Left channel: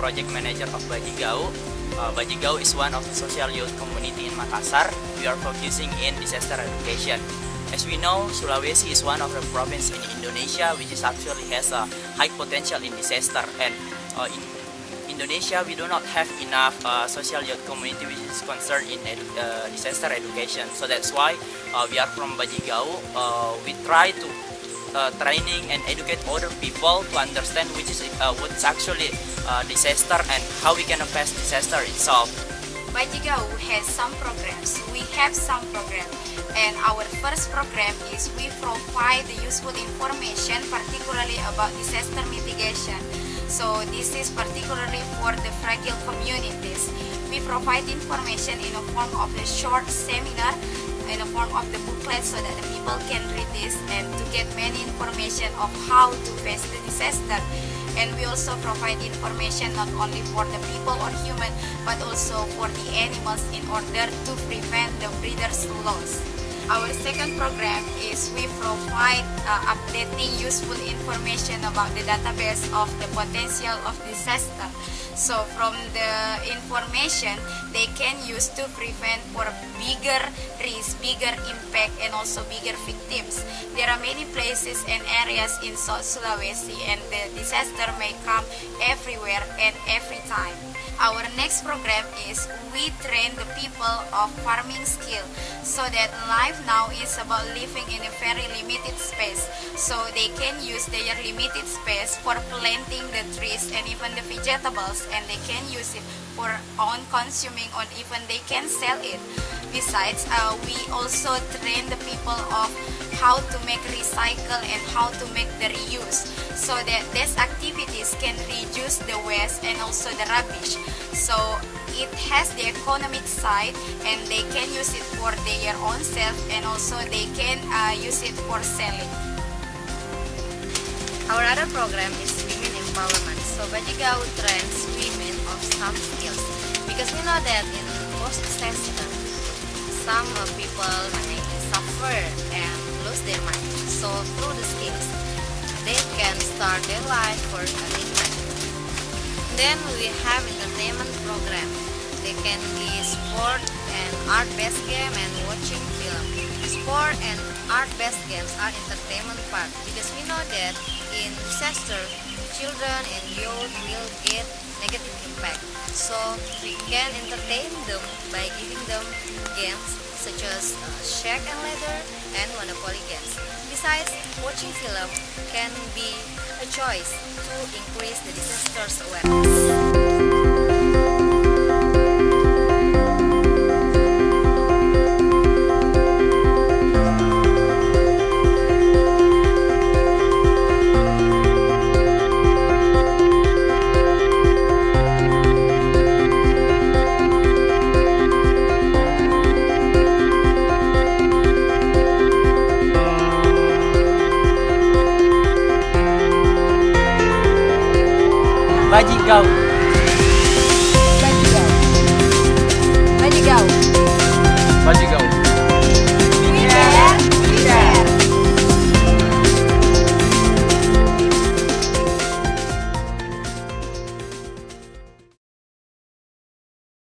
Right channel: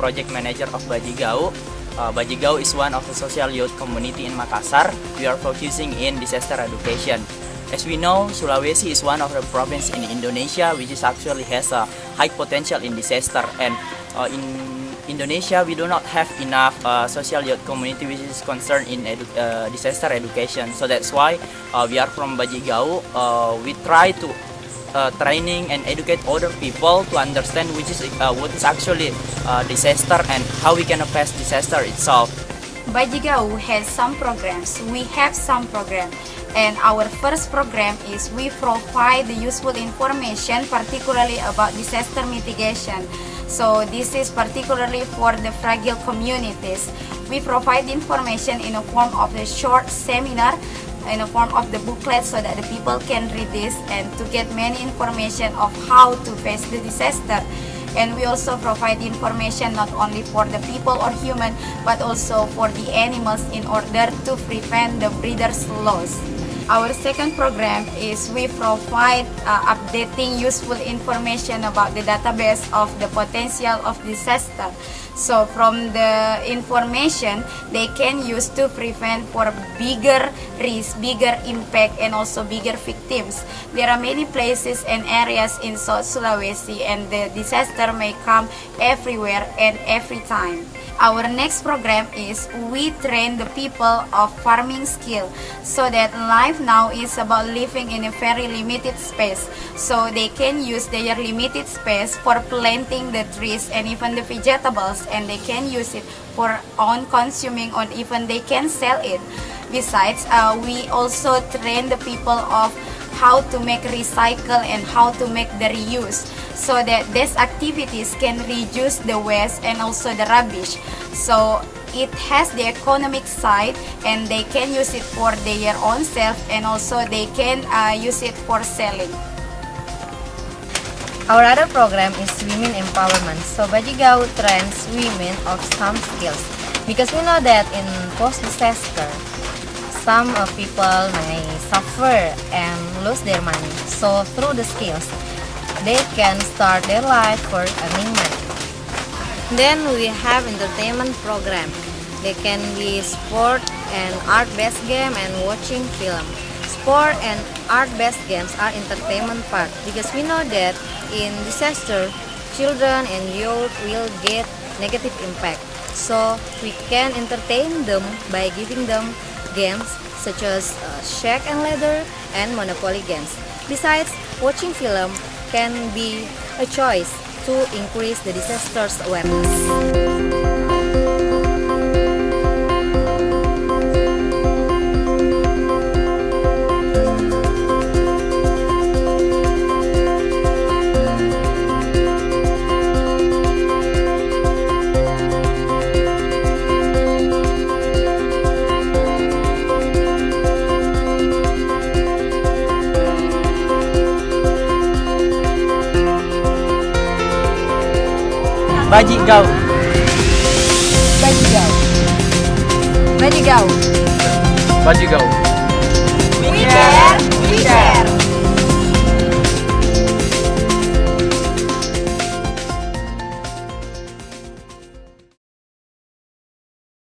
project manager of Bajigau. Bajigau is one of the social youth community in Makassar. We are focusing in disaster education. As we know, Sulawesi is one of the province in Indonesia which is actually has a high potential in disaster, and in Indonesia we do not have enough social youth community which is concerned in disaster education. So that's why we are from Bajigau. We try to training and educate other people to understand what is actually disaster and how we can face disaster itself. Bajigau has some programs. We have some programs, and our first program is we provide the useful information, particularly about disaster mitigation. So this is particularly for the fragile communities. We provide information in a form of a short seminar, in a form of the booklet, so that the people can read this and to get many information of how to face the disaster. And we also provide information not only for the people or human, but also for the animals in order to prevent the breeders' loss. Our second program is we provide updating useful information about the database of the potential of disaster. So from the information they can use to prevent for bigger risk, bigger impact, and also bigger victims. There are many places and areas in South Sulawesi, and the disaster may come everywhere and every time. Our next program is we train the people of farming skill, so that life now is about living in a very limited space. So they can use their limited space for planting the trees and even the vegetables, and they can use it for own consuming, or even they can sell it. Besides, we also train the people of how to make recycle and how to make the reuse, so that these activities can reduce the waste and also the rubbish. So it has the economic side, and they can use it for their own self, and also they can use it for selling. Our other program is women empowerment. So Bajigau trains women of some skills, because we know that in post-disaster, some people may suffer and lose their money. So through the skills, they can start their life for earning money. Then we have entertainment program. They can be sport and art-based game and watching film. Sport and art-based games are entertainment part, because we know that in disaster, children and youth will get negative impact. So we can entertain them by giving them games such as Shake and Ladder and Monopoly games. Besides, watching film can be a choice to increase the disaster's awareness. Bajigau. Bajigau. Bajigau. Bajigau. We care, we share.